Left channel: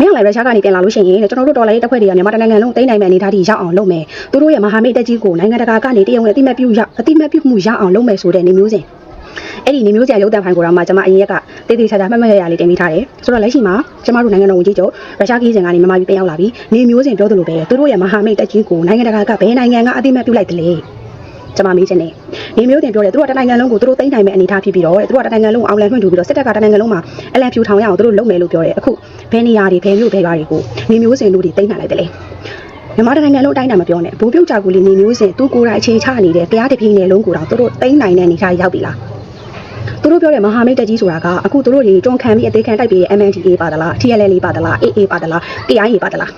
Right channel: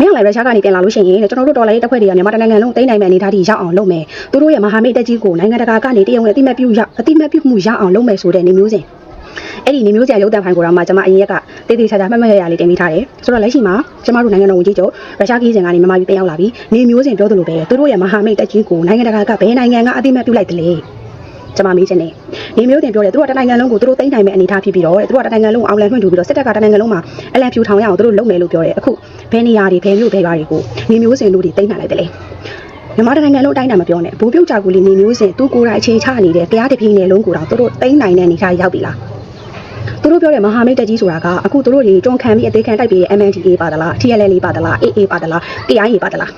မင်းလည်းရုရှားကနေပြန်လာလို့ရှိရင်တဲ့ကျွန်တော်တို့ဒေါ်လာရေးတစ်ခွက်တွေကမြန်မာတိုင်းနိုင်ငံလုံးတိမ့်နိုင်မယ့်အနေအထားထိရောက်အောင်လုပ်မယ်သူတို့ရဲ့မဟာမိတ်တက်ကြီးကိုနိုင်ငံတကာကနေတရုံနဲ့အတိမတ်ပြုရအတိမတ်ပြုမှုရအောင်လုပ်မယ်ဆိုတဲ့နေမျိုးစဉ်အဲ့ဒီနေမျိုးစရာရုပ်တံဖိုင်ကိုတော့မှကျွန်မအရင်ရက်ကတေးသေးချာချာမှတ်မှတ်ရရလေးတင်ပေးထားတယ်ဆိုတော့လက်ရှိမှာကျွန်မတို့နိုင်ငံတော်ဝန်ကြီးချုပ်ရုရှားကြီးစင်ကနေမြန်မာပြည်ပြန်ရောက်လာပြီးနေမျိုးစဉ်ပြောသလိုပဲသူတို့ရဲ့မဟာမိတ်တက်ကြီးကိုနိုင်ငံတကာကဘယ်နိုင်ငံကအတိမတ်ပြုလိုက်တယ်လဲ ကျွန်မမေးချင်တယ်နေမျိုးတင်ပြောတယ်သူတို့ကတနိုင်ငံလုံးကိုသူတို့တိမ့်နိုင်မယ့်အနေအထားဖြစ်ပြီးတော့တဲ့သူတို့ကတနိုင်ငံလုံးကိုအောင်လန်ခွင့်ထူပြီးတော့စစ်တပ်ကတနိုင်ငံလုံးမှာအလံဖြူထောင်ရအောင်သူတို့လုပ်မယ်လို့ပြောတယ်အခုဘယ်နေရာတွေဘယ်မြို့ဘယ်ရွာတွေကိုနေမျိုးစဉ်တို့တွေတိမ့်နိုင်လိုက်တယ်လေမြန်မာတိုင်းနိုင်ငံလုံးအတိုင်းအတာမပြောနဲ့ဘူပြုတ်ကြောက်ကူလီနေမျိုးစဉ်သူကိုယ်တိုင်အခြေချနေတဲ့တရားတပြင်းနယ်လုံးကိုတော့သူတို့တိမ့်နိုင်တဲ့အနေအထားရောက်ပြီလားသူတို့ပြောတဲ့မဟာမိတ်တက်ကြီးဆိုတာကအခုသူတို့တွေတွန်းခံပြီးအသေးခံတိုက်ပြီး MNDA ပါတလား TLL ပါတလား AA ပါတလား AI ပါတလား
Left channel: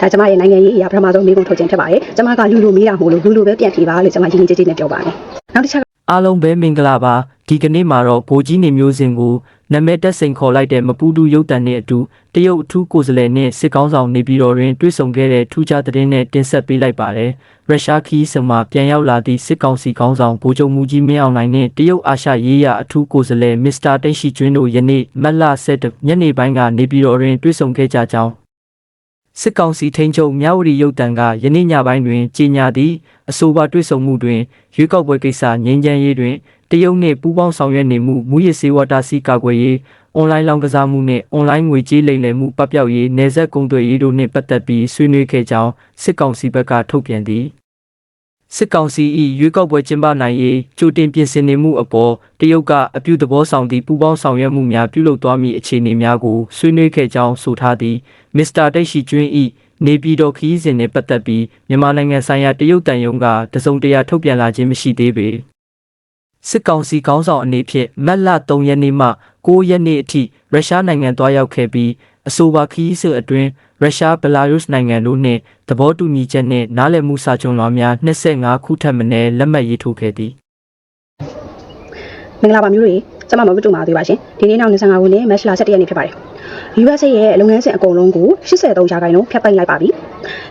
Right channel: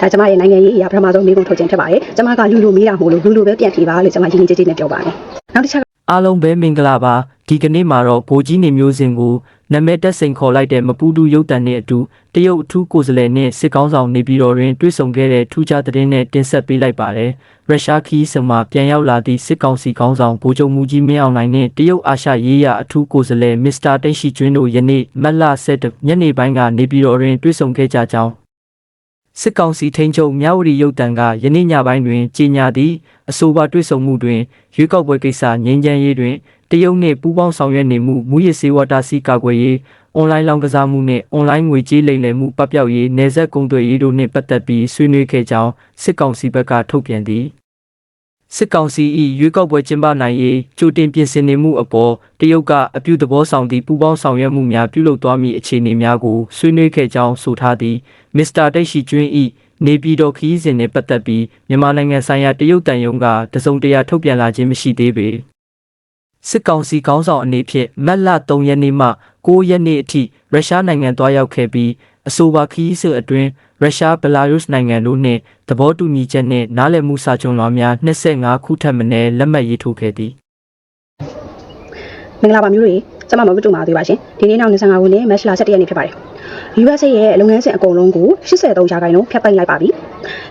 ဒါကျမရဲ့နိုင်ငံရေးအရာပထမဆုံးမိကုံထုတ်ခြင်းဖြစ်ပါတယ်ကျမကလူလူမေးတာမို့လို့လူလူပဲပြန်ဖြေပါလို့ကျမရင်းရင်းကြည်ကြည်နဲ့ပြောပါတယ်နောက်တစ်ချက်ကအားလုံးပဲမင်္ဂလာပါဒီကနေ့မှာတော့ဗိုလ်ကြီးနေမျိုးစင်ကိုနာမည်တက်စိန်ခေါ်လိုက်တဲ့မပူတူရုပ်တံနဲ့အတူတရုတ်အထူးကိုယ်စားလှယ်နဲ့စစ်ကောင်းဆောင်နေပြည်တော်တွင်တွေ့ဆုံခဲ့တဲ့ထူးခြားသတင်းနဲ့တင်ဆက်ပေးလိုက်ပါတယ်ရုရှားခီးစမှာပြန်ရောက်လာသည့်စစ်ကောင်စီကောင်းဆောင်ဗိုလ်ချုပ်မူကြီးမင်းအောင်လှိုင်နဲ့တရုတ်အာရှရေးရာအထူးကိုယ်စားလှယ်မစ္စတာတိတ်ရှိကျွင်းတို့ယနေ့မတ်လ7ညနေပိုင်းကနေပြည်တော်တွင်တွေ့ဆုံခဲ့ကြကြောင်း စစ်ကောင်စီထိန်းချုပ်မြဝတီရုပ်တံကယနေ့ညပိုင်းတွင်ကြေညာသည့်အဆိုပါတွေ့ဆုံမှုတွင်ရွေးကောက်ပွဲကိစ္စငြိမ်းချမ်းရေးတွင်တရုတ်နှင့်ပူးပေါင်းဆောင်ရွက်နေမှုမူရစ်စေဝါတာစီကာကွယ်ရေးအွန်လိုင်းလောင်းကစားမှုနှင့်အွန်လိုင်းငွေကြေးလိမ်လည်မှုပပျောက်ရေးနယ်စပ်ကုန်သွယ်ရေးတို့နှင့်ပတ်သက်ပြီးဆွေးနွေးခဲ့ကြောင်းစစ်ကောင်စီဘက်ကထုတ်ပြန်သည် စစ်ကောင်စီ၏ရွေးကောက်ပွဲကျင်းပနိုင်ရေးကြိုတင်ပြင်ဆင်နေမှုအပေါ်တရုတ်ကအပြုသဘောဆောင်သည့်ပူးပေါင်းဆောင်ရွက်မှုများပြုလုပ်သွားမည့်အခြေအနေများကိုဆွေးနွေးခဲ့ကြောင်းဆိုထားသည်မစ္စတာတိတ်ရှိကျွင်း၏နေပြည်တော်ခီးစဉ်နှင့်ပတ်သက်ပြီးမြန်မာနိုင်ငံဆိုင်ရာတရုတ်တန်ယုံကတစုံတရာထုတ်ပြန်လာခြင်းမရှိသေးပေစစ်ကောင်စီခေါင်းဆောင်အနေဖြင့်မတ်လ3ရက်နေ့မှ9ရက်နေ့အထိရုရှားနိုင်ငံသွားရောက်ခဲ့ပြီး အဆိုပါခရီးဆွေအတွင်းရုရှားဘလာရုစ်နိုင်ငံတို့နှင့်သဘောတူညီချက်နှင့်နားလည်မှုစာချုပ်လွှာများ25ခုထပ်မံလက်မှတ်ရေးထိုးခဲ့သည်မင်္ဂလာပါမျိုးတွေကျွန်မမမတူပါသေးပါရှင်ဒီနေ့နောက်25ခုနဲ့မက်ရှလာ7ရက်နေ့ဖြစ်ပါတယ် USA ရဲ့လုပ်ငန်းစဉ်အကုန်လုံးကို83ရာခိုင်နှုန်းဖျက်ပိတ်လိုက်ပါပြီ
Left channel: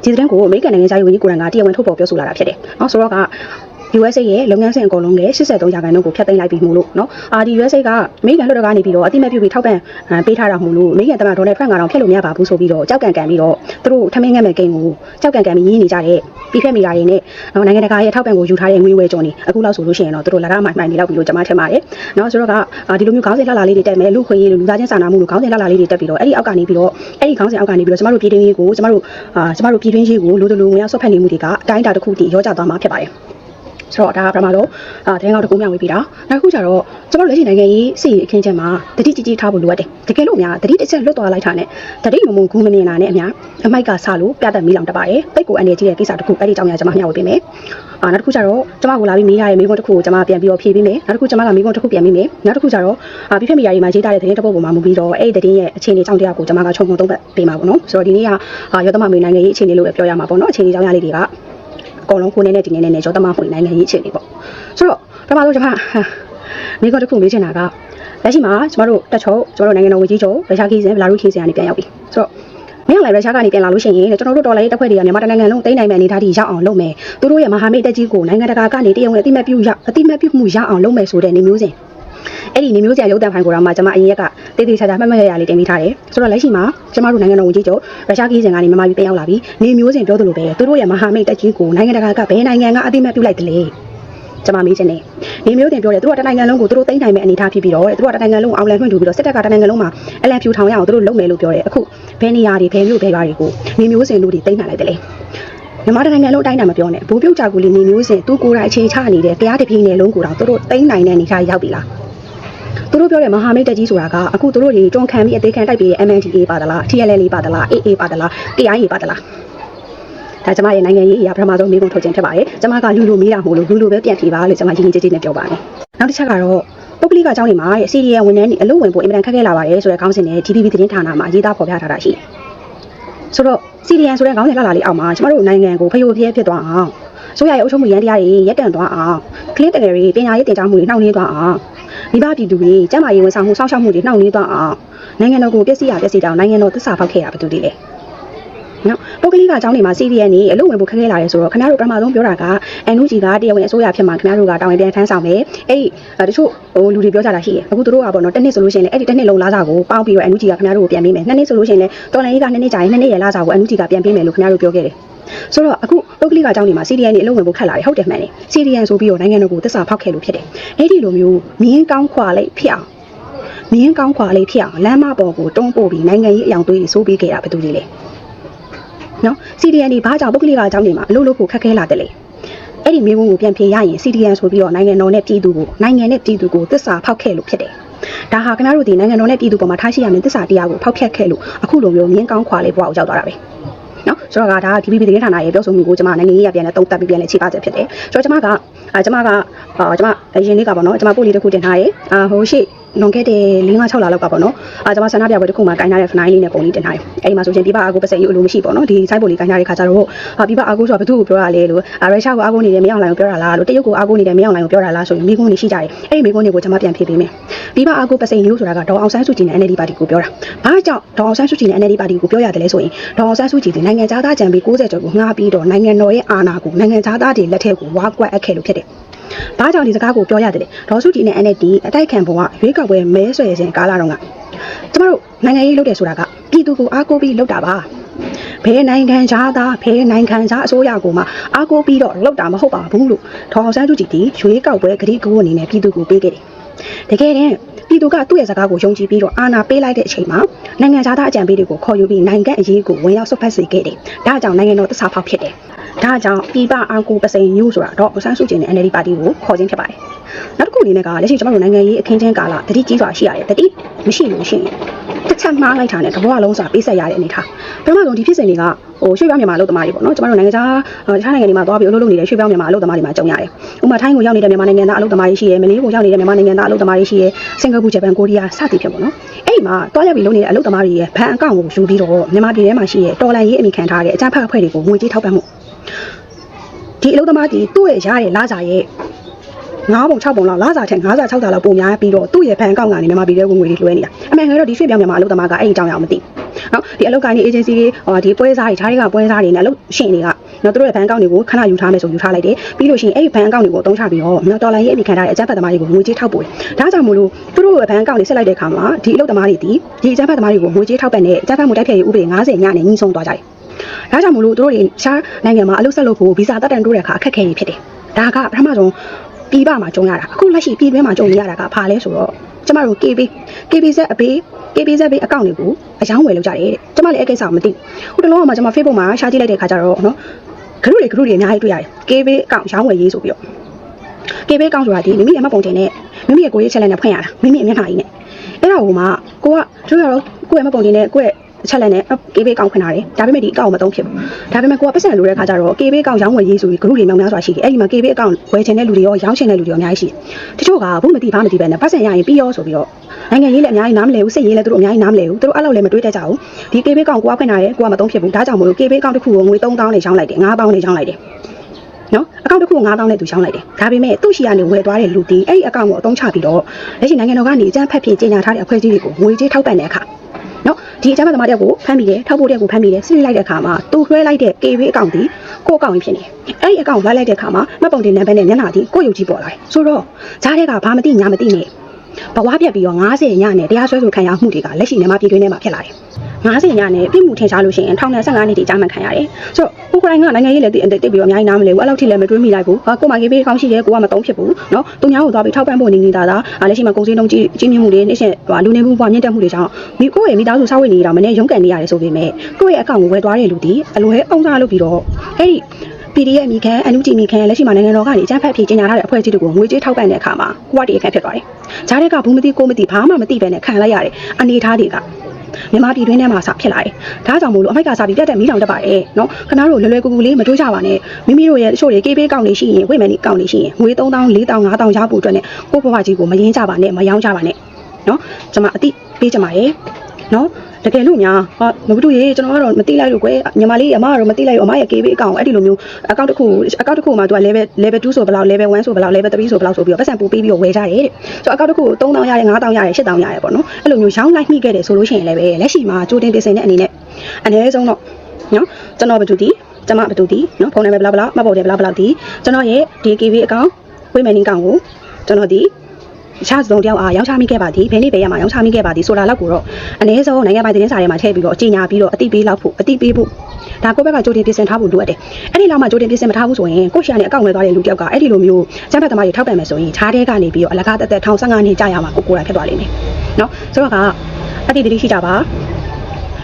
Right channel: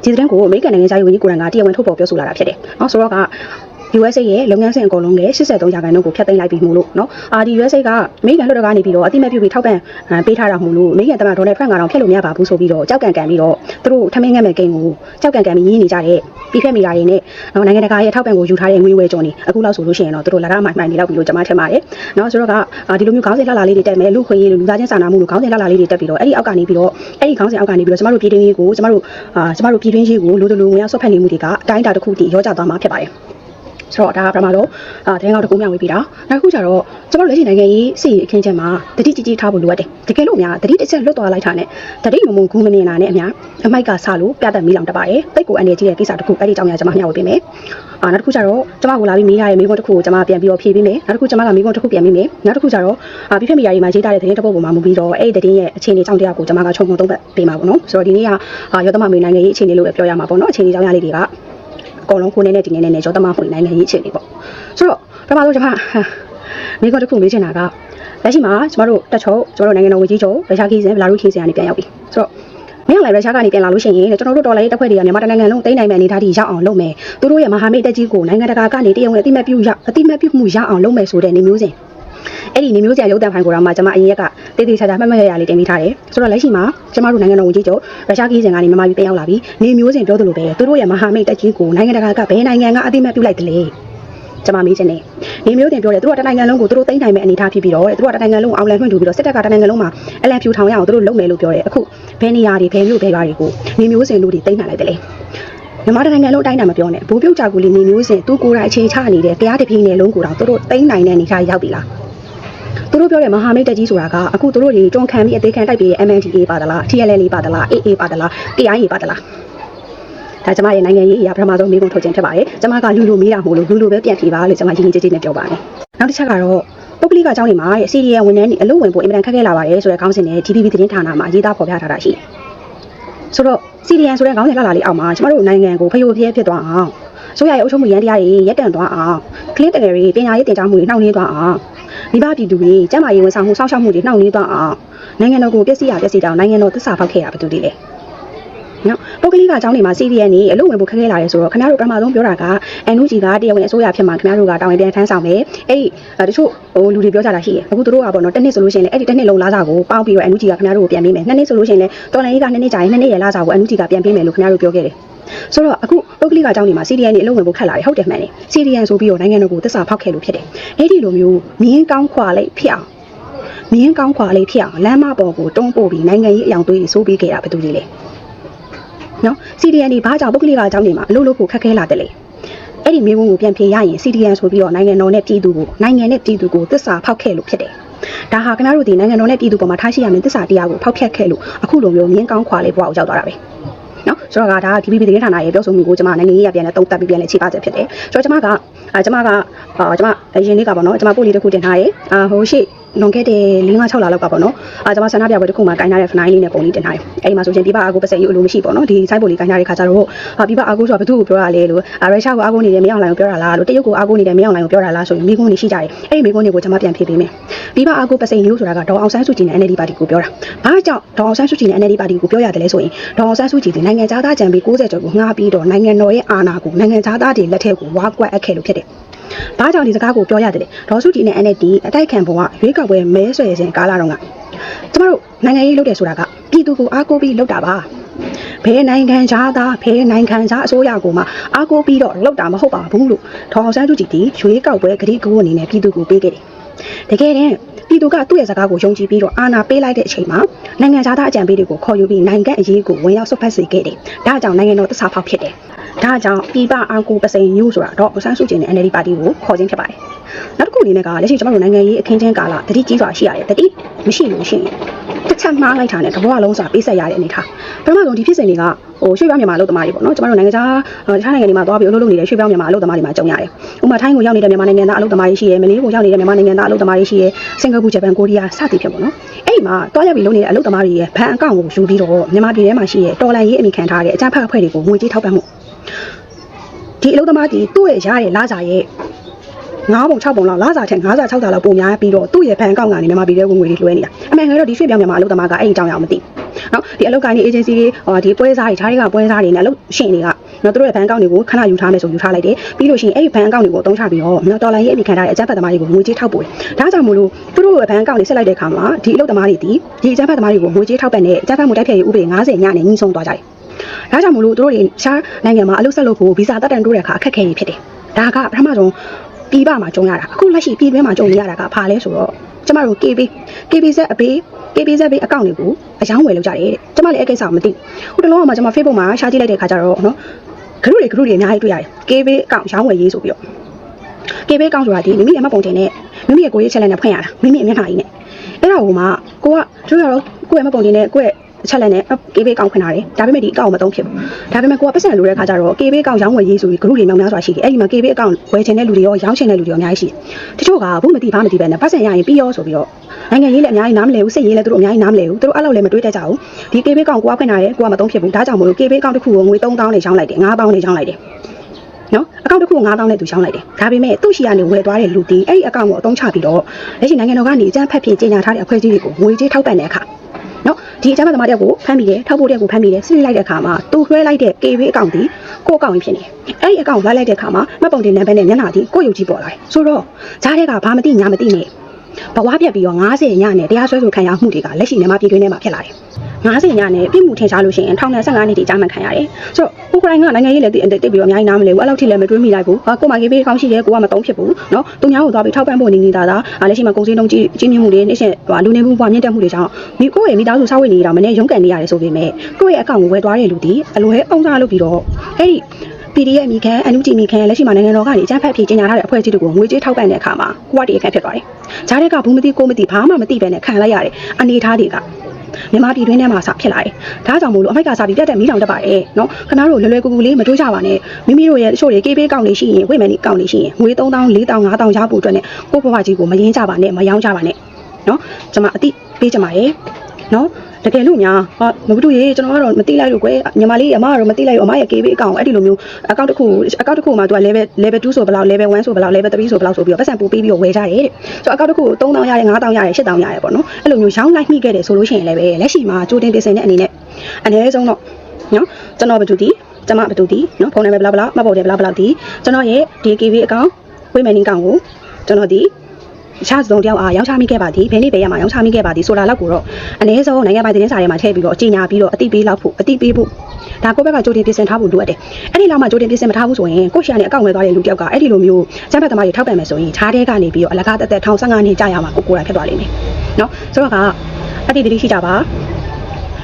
ဒီသတင်းကိုအမေရိကန်နိုင်ငံသားရေးဝန်ကြီးကိုရန်ကတရားဝင်ထုတ်ပေါ်ပြောဆိုလာတာဖြစ်တယ်။နော်ဆိုတော့က USA ရဲ့လုပ်ငန်းစဉ်အကုန်လုံးလည်း83ရာခိုင်နှုန်းကိုဖျက်သိမ်းလိုက်ပြီမို့လို့နော်အာဒီ USA ကမိကန်တို့ကနေပြီးတော့အတိမတ်ပြုပြီးထုတ်ပြန်ပြီးထားတာမို့လို့မိကန်တလာတို့နဲ့ပတ်လာတော့ဖျက်လို့မရပါဘူးဆိုပြီးတော့ကြောက်ကန်ကန်ပြီးတော့သူတို့ထမင်းငတ်မဲ့ကိန်းကိုကြောက်ကန်ကန်ပြီးရင်းနေကြတဲ့ဒီဖက်မီယာတွေနဲ့နိုင်ငံတကာရဲ့ထောက်ပံ့ကိုယူထားတဲ့ငွေဝယ်ကြော်နေအခုလောက်ဆိုလို့ရှိရင်တော့သူတို့လာရမှမှန်နေလောက်ပြီးလို့ကျွန်မထင်ပါတယ်နော်ဆိုတော့ကဒီလိုမျိုးခေါင်းစဉ်လှလာလေးတွေတက်မယ်လူခွင့်ရေးလူသားချင်းစာနာမှုလို့ခေါင်းစဉ်လှလာလေးတွေတက်ပြီးတော့အဲ့ဒီအောက်ကနေပြီးတော့အဲ့ဒီခေါင်းစဉ်အောက်ကနေပြီးတော့ကျွန်မတို့ပြည်တွင်းရေးကိုကျွန်မတို့အာကျွန်မတို့ပြည်တွင်းရေးကိုလိုလိုဝင်ရောက်ဆွတ်ဖက်နေမှုတွေကအတိုင်းအတာတစ်ခုတည်းရောကြသွားမှာဖြစ်ပါတယ် ဆိုတော့ဒါကပထမဆုံးအာတရင်တော့တကူမြောက်ဝေးပြီးတာနောက်တစ်ခုကျတော့ကျွန်တော်လက်ရှိနိုင်ငံရေးစီအခင်းချက်မှာတတိတိတိထားဖို့လိုအပ်တယ်တကယ်လို့များတတိတစ်ချက်လွတ်သွားလိုက်တာနဲ့တတိမုံကူမနေနိုင်တဲ့အများအမိုက်ကဆလို့ပြတ်သက်မေးလောင်တပါတယ်ပိတ်ကိုအနေကြီးတဲ့ကိစ္စတစ်ခုအဲ့ဒီကြောင့်ညာကျွန်မမျှဝေပေးမယ်အာနောက်တစ်ခုကျတော့ကျွန်မကိုလာပြီးမေးရရဲ့မေးခွန်းတစ်ခုကိုကျွန်မပြန်ပြီးတော့ဖြေပေးမယ်နောက်တစ်ခုကျွန်မကမေးခွန်းတစ်ခုပြန်မေးမယ်နောက်တစ်ခုကျတော့အာပြည့်ဖြတ်မီယာကြီးမှာရေးထားတဲ့သတင်းတစ်ပုဒ်ပေါ်မှာမူပြီးတော့အဲ့ဒီသတင်းရဲ့အခြေအနေကြောင့်တရားကိုကျွန်မကချုပ်မသုံးသက်ပေးမှာပေါ့နော်ဆိုတော့ဒီနေ့ကအာရောသမမေနိုင်ငံရေးအခြေအနေလို့ပဲပြောရမှာပေါ့နော်အခြေအနေကြောင့်ရလေးတွေကအ ကုန်လုံးကိုနေနဲ့ဒီနေနဲ့ရောသမဖွင့်နိုင်ငံရေးအခြေအနေပေါ့ဆိုတော့ပထမဆုံးကျွန်မမိခွန်းတစ်ခုမေးချင်တာကလက်ရှိမှာကျမတို့တက်ချုပ်ကျမတို့နိုင်ငံတော်ဝန်ကြီးချုပ်ရုရှားခီးစဉ်ဘလာရုခီးစဉ်ကနေပြန်ရောက်ပြီဆိုတော့မင်းလည်းရုရှားကနေပြန်လာလို့ရှိရင်ကျွန်တော်တို့ဒေါ်လာရေးတစ်ခွက်တွေကမြန်မာနိုင်ငံလုံးတိမ့်နိုင်မယ့်အနေအထားထိရောက်အောင်လုပ်မယ်သူတို့ရဲ့မဟာမိတ်တက်ကြီးကိုနိုင်ငံတကာကနေတရုံနဲ့အတိမတ်ပြုရအတိမတ်ပြုမှုရအောင်လုပ်မယ်ဆိုတဲ့နေမျိုးစဉ် အဲ့ဒီနေမျိုးစရာရုပ်တံဖိုင်ကိုတော့မှကျွန်မအရင်ရက်ကတေးသေးချာချာမှတ်မှတ်ရရလေးတင်ပေးထားတယ်ဆိုတော့လက်ရှိမှာကျွန်တော်တို့နိုင်ငံတော်ဝန်ကြီးချုပ်ရုရှားခီးစဉ်ကနေမြန်မာပြည်ပြန်ရောက်လာပြီနေမျိုးစဉ်ပြောသလိုပဲသူတို့ရဲ့မဟာမိတ်တက်ကြီးကိုနိုင်ငံတကာကဘယ်နိုင်ငံကအတိမတ်ပြုလိုက်တယ်လဲကျွန်မမေးချင်တယ်နေမျိုးတင်ပြောတယ်သူတို့ကတနိုင်ငံလုံးကိုသူတို့တိမ့်နိုင်မယ့်အနေအထားဖြစ်ပြီးတော့သူတို့ကတနိုင်ငံလုံးအောင်လန်ခွင့်ထူပြီးတော့စစ်တပ်ကတနိုင်ငံလုံးမှာအလံဖြူထောင်ရအောင်သူတို့လုပ်မယ်လို့ပြောတယ်အခုဘယ်နေရာတွေဘယ်မြို့ဘယ်ရွာတွေကိုနေမျိုးစဉ်လူတွေတိမ့်နိုင်လိုက်တယ်လေမြန်မာနိုင်ငံလုံးအတိုင်းအတာမပြောနဲ့ဘူပြုတ်ကြောက်ကူလီနေမျိုးစဉ်သူကိုယ်တိုင်အခြေချနေတဲ့တရားတပြင်းနယ်လုံးကိုတော့သူတို့တိမ့်နိုင်တဲ့အနေအထားရောက်ပြီလား သူတို့ပြောတဲ့မဟာမိတ်တက်ကြီးဆိုတာကအခုသူတို့တွေတွန်းခံပြီးအသေးခံတိုက်ပြီး MNDA ပါတလား TLL ပါတလား AA ပါတလား AI ပါတလားဒါကျမရဲ့နိုင်ငံရေးအရာပထမဆုံးမိကုံထုတ်ခြင်းဖြစ်ပါတယ်ကျမကလူလူမေးတာမို့လို့လူလူပဲပြန်ဖြေပါလို့ကျမရင်းရင်းကြည်ကြည်နဲ့ပြောပါတယ်နောက်တစ်ချက်ကတော့ပုဂ္ဂလိကအကြောင်းတွေမှာစီရီယံဝန်ထမ်းတွေအလုပ်ဝင်ဖို့အင်မတန်ခက်ခဲလာပါတယ်ဆိုတဲ့ခေါင်းစဉ်နဲ့ TVB သတင်းဌာနမှာရေးသားဖော်ပြထားတာရှိတယ်ဆိုတော့စီရီယံဆိုတဲ့ခေါင်းစဉ်လှလာလေးအောက်မှာကျမတို့နိုင်ငံကိုဖျို့ဖျဲဖြစ်သွားအောင်ဆိုရရဲ့အုပ်ချုပ်မှုရန်တရားတွေရပ်တန့်သွားအောင်ကလစ်တကယ်တွေပညာရေးတင်ကြားမှုတွေနှောင့်နှေးသွားအောင် မိဘပြည်သူတွေကျန်းမာရေးဝန်ဆောင်မှုစောင့်ရှောက်မှုတွေနှောင့်နှေးသွားအောင်နိုင်ငံတော်ကိုပြည့်စည်ရပြည့်စည်တောင်နိုင်ငံတော်သစ္စာဖောက်ခဲ့တာဘာတူတွေလဲနော်ပုဂ္ဂလိကအကြောင်းတွေမှာ CDN နေအလုပ်ဝင်ဖို့ခက်ခဲလာတယ်ဆိုတော့ခင်ဗျားတို့ပထမဆုံးပြောတာက NUG ကတရားဝင်အစိုးရဖြစ်မှာခင်ဗျားတို့ကတာဝန်ပြန်ထမ်းဆောင်မယ်အဲ့ဒီအဲတချို့ဟိုလူတွေပြောကြတာရှိတယ်အခုတို့ကပေါ့နော်တစ်နှစ်ဆိုလို့ရှိရင်လည်းအဲ့ဒီတစ်နှစ်လုံးလာစာကိုပေါင်းပြီးတော့ NUG ကခင်ဗျားတို့ကိုပြန်ပေးမယ်နှစ်နှစ်ဆိုလို့ရှိရင်လည်းတော်လိုင်းကြီးကနှစ်နှစ်ကြာရင်နှစ်နှစ်ရဲ့လာစာကို NUG ကပြန်ပေးမယ်လို့ခင်ဗျားတို့ပြောခဲ့တယ်ဆိုတော့အခုပုဂ္ဂလိကအကြောင်းတွေမှာ CDN နေအလုပ်ဝင်ဖို့ခက်လာပြီဟုတ်တယ်မှန်တယ် CDN ဆိုပြီးတော့နိုင်ငံတော်ကိုသက်ဆောင်ဖောက်ခဲ့လို့ဖြစ်တယ်အဲ့ဒီ လိုမျိုးငင်းကောင်းခွာလိုက်ဖြစ်အောင်ငင်းကောင်းခွာလိုက်ဖြစ်အောင်လမ်းမပေါ်ကိုတွန်းပို့ပြီးနိုင်ငံရေးအယောင်သွေးတွေစိုးပေးခဲ့တာဘယ်သူတွေလဲနော် CDN ဒီဘာကြောင့်ပုဂ္ဂလိကအကြောင်းတွေမှာအလုပ်လုပ်ဖို့ခက်ခဲလာတယ်လေအဲ့ဒီမျိုးကိုပြန်ဖြေရရင် CDN ဆိုပြီးတော့နိုင်ငံတော်နဲ့ပြည်သူကိုနိုင်ငံနဲ့ပြည်သူကိုသစ္စာဖောက်ခဲ့လို့ဖြစ်တယ်ဒါဟာခင်ဗျားတို့ဒီနိုင်ငံတော်နဲ့ပြည်သူပေါ်မှာထားရှိရမယ့်သစ္စာတရားကိုဖောက်ဖျက်ခဲ့လို့အခုလိုမျိုးငင်းကောင်းခွာလေးဘဝကိုရောက်သွားတာပဲ နော်ဆိုတော့ဒါကဒီပြည်သတင်းဌာနရဲ့ပြောဆိုမှုကိုကျွန်မနိုင်ငံရေးရပြန်လဲတုံ့တက်ပြီးပြန်လဲချိပါစေဖြစ်တယ်ဆိုတော့ကျွန်မကအာကျွန်မကဟောကျွန်မအရင်နေ့ကပေါ့နော်ကျွန်မပို့လေးတစ်ခုတင်ထားရဲ့အာဟိုရှိလွန်ခဲ့တဲ့၄၅6လလောက်ကပေါ့နော်အာကျွန်မဆန္ဒပြပွဲတစ်ခုမှာတိုင်းထားတဲ့ flying လေးနဲ့ပုံလေးတင်ထားတယ်အဲ့ဒီမှာဆိုရင်ဒီဘအကူပစိန်လို့အလိုမရှိပေါ့နော်ဒီ site ပုံလေးတိုင်းထားတဲ့ခါကျတော့ဟာဒီဘအကူဆိုတာဘယ်သူ့ကိုပြောရလဲလို့အဲတော့ဆောက်အကူနေလည်းမရဘူးပြောရလားတရုတ်ကိုအကူနေလည်းမ ရဘူးပြောရလားဆိုဒီလိုရှိကြတယ်အဲ့ဒီလိုမျိုးကိုကျွန်မပြန်ဖြေပေးမယ်ဒီဘအကူပစိန်လို့ဆိုတာကဒေါအောင်ဆန်းစုကြည် NLD ပါတီကိုပြောတာအားကြောင့်ဒေါအောင်ဆန်းစုကြည်နဲ့ NLD ပါတီကိုပြောရတယ်လဲဆိုရင်ဒေါအောင်ဆန်းစုကြည်ဒီနိုင်ငံသားသားကြံပြီး60ကျော်ကိုငှားပြီးတော့နိုင်ငံတော်ရဲ့အာဏာကိုနိုင်ငံသားတွေလက်ထက်ကိုဝါကွက်အပ်ခဲ့လို့ဖြစ်တယ်အားကြောင့်ဒီစကားကိုပြောရတယ်ဒေါအောင်စုကြည်နဲ့ NLD အတိုက်ခံပေါ်မှာရွေးကောက်ပွဲမဲဆွယ်စဉ်ကာလတော့ကကျမတို့နိုင်ငံရေးလုပ်တယ်ဆိုတာကပြည်သူကိုအားကိုးပြီးလုပ်တာပါ ဘယ်နိုင်ငံသားသားဘယ်နိုင်ငံသားအစိုးရကိုမှအားကိုးပြီးတော့လုပ်တာမဟုတ်ပါဘူးလို့ဒေါအောင်ဆန်းစုကြည်ဒီရွေးကောက်ပွဲဂတိကူအနေနဲ့ပြည်သူကိုပေးခဲ့တယ်တကယ်တမ်းပြည်သူကသူ့ရဲ့စကားကိုယုံကြည်ပြီးတော့အာဏာပေးလိုက်တဲ့အချိန်မှာနိုင်ငံသားအကြံပေးတွေကိုခေါ်ယူပြီးနိုင်ငံအရေးကိုဝင်ရောက်ဆွတ်ဖက်စေခဲ့တယ်ဒါကြောင့်နိုင်ငံတော်တစ္ဆာဖောက်ဖြစ်တယ်ဒါကြောင့်ပြည်ပအားကိုးပစိန်မျိုးဆိုတာတော့အောင်ဆန်းစုကြည်နဲ့ NLD ပါတီကိုခေါ်ခြင်းဖြစ်ပါတယ်နောက်တစ်ခုအနေနဲ့ကလက်ရှိကျွန်တော်တို့နိုင်ငံရေးအခင်းချင်းကာလတတိကြီးစွာရှိရတယ်တတိမရှိလို့ရှိရင် တစ်ချက်မှားလိုက်တာနဲ့တဘဝလုံးစာပေးဆက်ရတဲ့အနေထားပထမဆုံးဒီဖြစ်စဉ်တွေကဟိုရွှေ့ပြောင်းမြန်မာအလုပ်သမားတွေပေါ့နော်ကျွန်တော်တို့နိုင်ငံခြားတခြားနိုင်ငံတွေမှာသွားပြီးအလုပ်လုပ်နေတဲ့ရွှေ့ပြောင်းမြန်မာအလုပ်သမားတွေမှာကြုံရတယ်ဥပမာထိုင်းကိုရောက်နေတဲ့မြန်မာနိုင်ငံသားအလုပ်သမားတွေရှိရယ်မလေးကိုရောက်နေတဲ့မြန်မာနိုင်ငံသားအလုပ်သမားတွေရှိရယ်စင်ကာပူဂျပန်ကိုရီးယားစသည်ဖြင့်ပေါ့နော်အဲ့ဒီမှာတွားရောက်ပြီးလုပ်နေတဲ့အလုပ်သမားတွေရဲ့ဘဏ်အကောင့်ကိုယူပြီးတော့မြန်မာပြည်ထဲမှာရှိတဲ့တော်လန်ရေးအမိခံထားတဲ့အကြမ်းဖက်အဖွဲ့တွေကိုငွေကြေးထောက်ပံ့မှုဒီအလုပ်သမားဒီသူ့ရဲ့ရတဲ့လစာရဲ့ 9ပုံ6ပုံလောက်လစာထက်9စာ6စာလောက်ပုံများပြီးတော့သူ့ရဲ့ဘဏ်အကောင့်ကနေမြန်မာပြည်ထဲကိုငွေတွေလွှဲနေတာအမှန်ကတော့ဒီရွှေ့ပြောင်းမြန်မာအလုပ်သမားကအဲ့ဒီအကြောင်းရအောင်မသိဘူးနော်ဒီအလုပ်ကိုင်းဒီ agency တွေဟောဒီပွဲစားတွေဓာတ်တွေကပွဲစားတွေနဲ့အလုပ်ရှင်တွေကနော်သူတို့ရဲ့ဘဏ်အကောင့်တွေကိုခဏယူထားမယ်ဆိုယူထားလိုက်တယ်ပြီးလို့ရှိရင်အဲ့ဒီဘဏ်အကောင့်တွေကိုအသုံးချပြီးတော့နော်ဒေါ်လာရေးအမိခံထားတဲ့အကြမ်းဖက်သမားတွေကိုငွေကြေးထောက်ပို့တယ်ဒါကြောင့်မို့လို့သူတို့ရဲ့ဘဏ်အကောင့်တွေဆက်လိုက်တဲ့အခါမှာဒီအလုပ်သမားတွေဒီဒီအကြမ်းဖက်သမားတွေကိုငွေကြေးထောက်ပံ့တဲ့အကြမ်းဖက်မှုတိုက်ဖျက်ရေးဥပဒေ90ညနဲ့ညှိဆုံးသွားကြတယ်ဒါကြောင့်မို့လို့သူတို့တွေရှားနိုင်ငံမှာအလုပ်ဆက်လုပ်ဖို့ဗီဇာတက်တန်တိုးတဲ့အခါအခက်အခဲတွေဖြစ်တယ်ဒါကပထမဆုံး ပြည်ပမှာကြုံရတာအခုလက်ရှိပြည်တွင်းမှာကြုံနေရတာကဘာလဲဆိုတော့ကျမတို့ KB KBZ အပေး KBZ ဘေးအကောင့်တွေကိုအယောင်းဝယ်လုပ်ကြတယ်တဲ့ကျမလည်းအဲ့ကိစ္စကိုမသိဘူးဟိုတလုံးကမှကျမ Facebook မှာရှာကြည့်လိုက်တဲ့ခါကျတော့နော်ဂရုတွေဂရုတွေအများကြီးတွေ့ရတယ် KB အကောင့်ရောင်းဝယ်ရေးဆိုပြီးတော့ KB အကောင့်ဆိုတာဒီမိမိရဲ့မှတ်ပုံတင်နဲ့မိမိရဲ့ကိုယ်ရေးချက်လက်နဲ့ဖွင့်ရတာမိမိရဲ့မျက်နှာကြီးနဲ့အဲ့ဒါကိုမှကိုကတို့ရတော့ကိုယ့်ရဲ့မှတ်ပုံတင်နဲ့ကိုယ့်ရဲ့ အချက်လက်နဲ့ KB အကောင့်ဖွင့်ထားတယ်ဒါပေမဲ့ဒီအကောင့်မသုံးဖြစ်ဘူးဒါပေမဲ့ကိုကပတ်စံလိုတဲ့ခါကျတော့ KB အကောင့်ရောင်းဝယ်ရေးဆိုပြီး group တွေမြောက်များစွာရှိတယ်အဲ့ဒီမှာ KB အကောင့်ဝယ်ချင်တဲ့လူတွေရောရောင်းချင်တဲ့လူတွေရောအများကြီးရှိတယ်တချို့ကဘုမတိဘာမတိပဲနဲ့ပတ်စံရရင်ပြီးရောဆိုပြီးတော့နိုင်ငံရေးလည်းအများကြီးနားမလည်ဘူးစစ်ရေးလည်းသူတို့အများကြီးနားမလည်ဘူးသူတို့အဲ့လောက်လည်းမတွေးတတ်ကြဘူးဒီ KB အကောင့်ကိုကဖွင့်ထားတယ်ကိုကမသုံးဖြစ်ဘူးဒါကြောင့်မို့လို့ KB အကောင့်တစ်ခုကိုငွေ3000နဲ့ရောင်းလိုက်တယ်9000နဲ့ရောင်းလိုက်တယ်နော်အကောင့်တစ်ခု9000နဲ့သူရှောင်းလိုက်တယ်ဒါပေမဲ့သူ့ရှီကနေဝယ်သွားတဲ့လူတီအဲ့ဒီအကောင့်ကိုအသုံးချပြီးတော့လက်ရှိနိုင်ငံတော်ကနေအကြမ်းဖက်ဖြစ်ကြီးညာထားတဲ့အဖွဲ့အစည်းတွေကိုငွေကြေးထောက်ပံ့တဲ့အခါ နော်ဒီအကြမ်းဖက်သမားတယောက်ကိုဖမ်းမိတယ်ထောက်ဖို့တယောက်ကိုဖမ်းမိတယ်စစ်လိုက်တဲ့အခါမှာသူလွှဲလိုက်တဲ့ KB အကောင့်ဒီကိုအကောင့်ကြီးဖြစ်နေတယ်အဲ့ဒီအကောင့်ကိုလိုက်လိုက်တဲ့အခါမှာမှတ်ပုံတင်နံပါတ်နဲ့မျက်နှာဒီကိုယုံကြည်ပေါ်လာတယ်ဆိုတော့ဈားတဲ့ကဘာမသိညာမသိနဲ့ ဘဝပြတ်ပြီးတော့90ညနဲ့တရားစွဲဆိုခံရမှုတွေကလက်ရှိမြန်မာပြည်တွင်းထဲမှာဖြစ်လာတယ်90ညနဲ့ပြည်မှုထင်ရှားလို့ရှိရင်ထောင်နဲ့15နှစ်တိကြားမှခံရတယ်ဆိုတော့ကိုကိုတိုင်းကနိုင်ငံရေးလည်းတိတ်ပြီးတော့အများကြီးနားမလဲဘူးအဲ့လောက်ထိလည်းမတွေးမိလိုက်ဘူးဟာကိုမကေပေးကောင်းရှိတယ်ကိုကမတုံးဖြစ်ဘူးเนาะသူများကိုသွားပြီးထောက်ပံ့ဖို့နေနေတာဒါလက်ရှိမှာကုန်စည်နှုန်းကြီးကြီးမြင့်မှုတွေနှိမ့်ဆက်ဟိုလူနေမှုဘဝမြင့်တက်မှုတွေကြောင့်မိကိုယ့်ရဲ့မိသားစုစောင့်ဝင်နေတာမနဲ့ရုန်းကန်နေရတယ်ဆိုပေမဲ့ကိုယ့်ရဲ့အကောင့်ကိုဝယ်သွားတဲ့လူဒီအလွဲအုံစားလုပ်ပြီးတော့အဲ့ဒီ PDF မိခံအန်ယူဂျီမိခံလက်ရှိမှာနိုင်ငံတော်ကနေအကြမ်းဖက်ဖြေကျင်းညာထားတဲ့အဖွဲ့အစည်းတွေကိုငွေကြေးထောက်ပံ့တဲ့အခါမှာကိုကတည်းကခံဖြစ်သွားတယ်။ဂျားတဲ့ကဘူးမသိကိုမသိဘာမှမသိပဲနဲ့ခံလိုက်ရတယ်။အနေထားတွေကမြန်မာပြည်တွင်းထဲမှာစဖြစ်လာတယ်။ဒါကြောင့်မို့လို့အမိုက်ကစားပြီးတက်တက်မီးတောင်တက်ပါတယ်နော်။ခဏတို့လွယ်လွယ်ကူကူလေးမတွေးကြပါနဲ့။မိမိတို့ရဲ့တချို့တွေကေးပေးကောင်းနေရှိရင်ဝိမယ်နေကောင်းနေရှိရင်ငွေ3000 4000 5000ရဖို့အတွက်နဲ့ကိုယ့်ဘဝကြီးကိုမရင်းကြပါနဲ့မယောင်းကြပါနဲ့။နော်။ကျွန်မအတိပေးကြပါရဲ့။နော် တကယ်လို့များဟာမဘူးရေကျွန်တော်ကတော့မတိလိုက်လို့ကွယ်ညီမလေးအမကတော့မတိလိုက်လို့အမရဲ့ KB အကောင့်အဲ့ဒီလိုမျိုးအကောင့်တစ်ခုအကောင့်တစ်ခုမှာသူက level level 2ဆိုဘယ်လောက် level 1ဆိုဘယ်လောက် level 3ဆိုဘယ်လောက်ဆိုပြီးတော့ပတ်စံပူပေးပြီးတော့ဝယ်ကြတယ်တဲ့ဆိုတော့အကောင့်တစ်ခု3000ရတယ်5000ရတယ်8000ရတယ်ပေါ့နော်အဲ့လိုမျိုးရောင်းလိုက်မိခဲ့တယ်ဆိုလို့ရှိရင်လည်းပဲလက်ရှိမှာကြိုတင်ပြင်ဆင်တဲ့အနေနဲ့အနည်းဆုံးတော့နော်ကျွန်တော်ဘယ်သူဒီကျွန်မဘယ်သူဒီနော်ဖုန်းနံပါတ်ဘလာဘလာမဟုတ်တယ်ဘလာဘလာဒီကျွန်တော်ရဲ့ဒီ KB အကောင့်ဖွင့်မယ်နေကောင့်ကိုကျွန်တော်ဒီ အခြားစုံတယောက်အားရောင်းချမိခဲ့ပါသည်ဘယ်နေ့ပဲရမှာရောင်းချမိခဲ့ပါသည်ဆိုတာလောက်ကိုတော့အနည်းဆုံးနိုင်ငံပိုင်သတင်းစာထဲမှာထည့်ပြီးတော့အကြေညာပြီးတော့အတိပေးလောက်ဖို့အတိပေးဖို့ဒါကိုယ့်ဘက်ကကြိုတင်ပြင်ဆင်ထားဖို့လိုအပ်တယ်အဲ့ဒီလောက်မှကြိုတင်ပြင်ဆင်မထားဘူးဆိုရင်ကိုယ့်ရှာနေအကောင့်လဲသွားတဲ့လူတယောက်ကအဲ့ဒီလိုမျိုးစံဖတ်သမားတွေထောက်ပံ့မယ်ဆိုရင်ခြားတဲကနေပြီးတော့အလကားတက်တက်15နှစ်ကြာရမှာကိုကိုယ်တိုင်ဖြစ်သွားလိမ့်မယ်နော်ဆိုတော့ကအတိတ်တိရှိကြပါ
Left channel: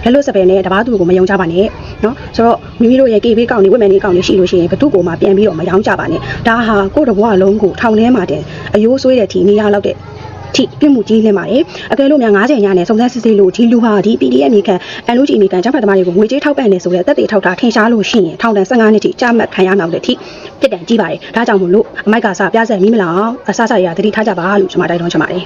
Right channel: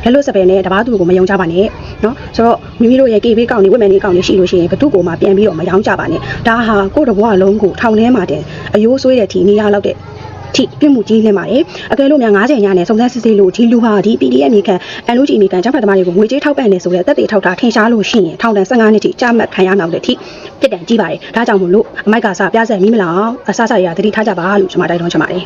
လက်လို့စပယ်နဲ့တပားသူကိုမယုံကြပါနဲ့နော်ဆိုတော့မိမိတို့ရဲ့ KB ကောင့်နေဝက်မယ်နေကောင့်နေရှိလို့ရှိရင်ဘသူ့ကိုမှပြန်ပြီးတော့မယောင်းကြပါနဲ့ဒါဟာကိုယ့်တဘွားလုံးကိုထောင်ထဲမှာတင်အယိုးဆွေးတဲ့ထီနေရလောက်တဲ့ထိပြမှုကြီးလင်းပါတယ်အကယ်လို့များ90ညနဲ့စုံစမ်းစစ်ဆေးလို့ဒီလူဟာဒီ PDF မြေခံ LOG မြေခံကျောင်းဖတ်သမားတွေကိုငွေကြေးထောက်ပံ့နေဆိုတဲ့သက်သေထောက်တာထင်ရှားလို့ရှိရင်ထောင်ဒဏ်15နှစ်ထိကြာမှတ်ခံရမှာတဲ့ထိပြစ်ဒဏ်ကြီးပါတယ်ဒါကြောင့်မို့လို့အမိုက်ကစားပြဆက်မီးမလောင်အဆဆရတတိထားကြပါလို့ကျွန်မတိုက်တွန်းချင်ပါတယ်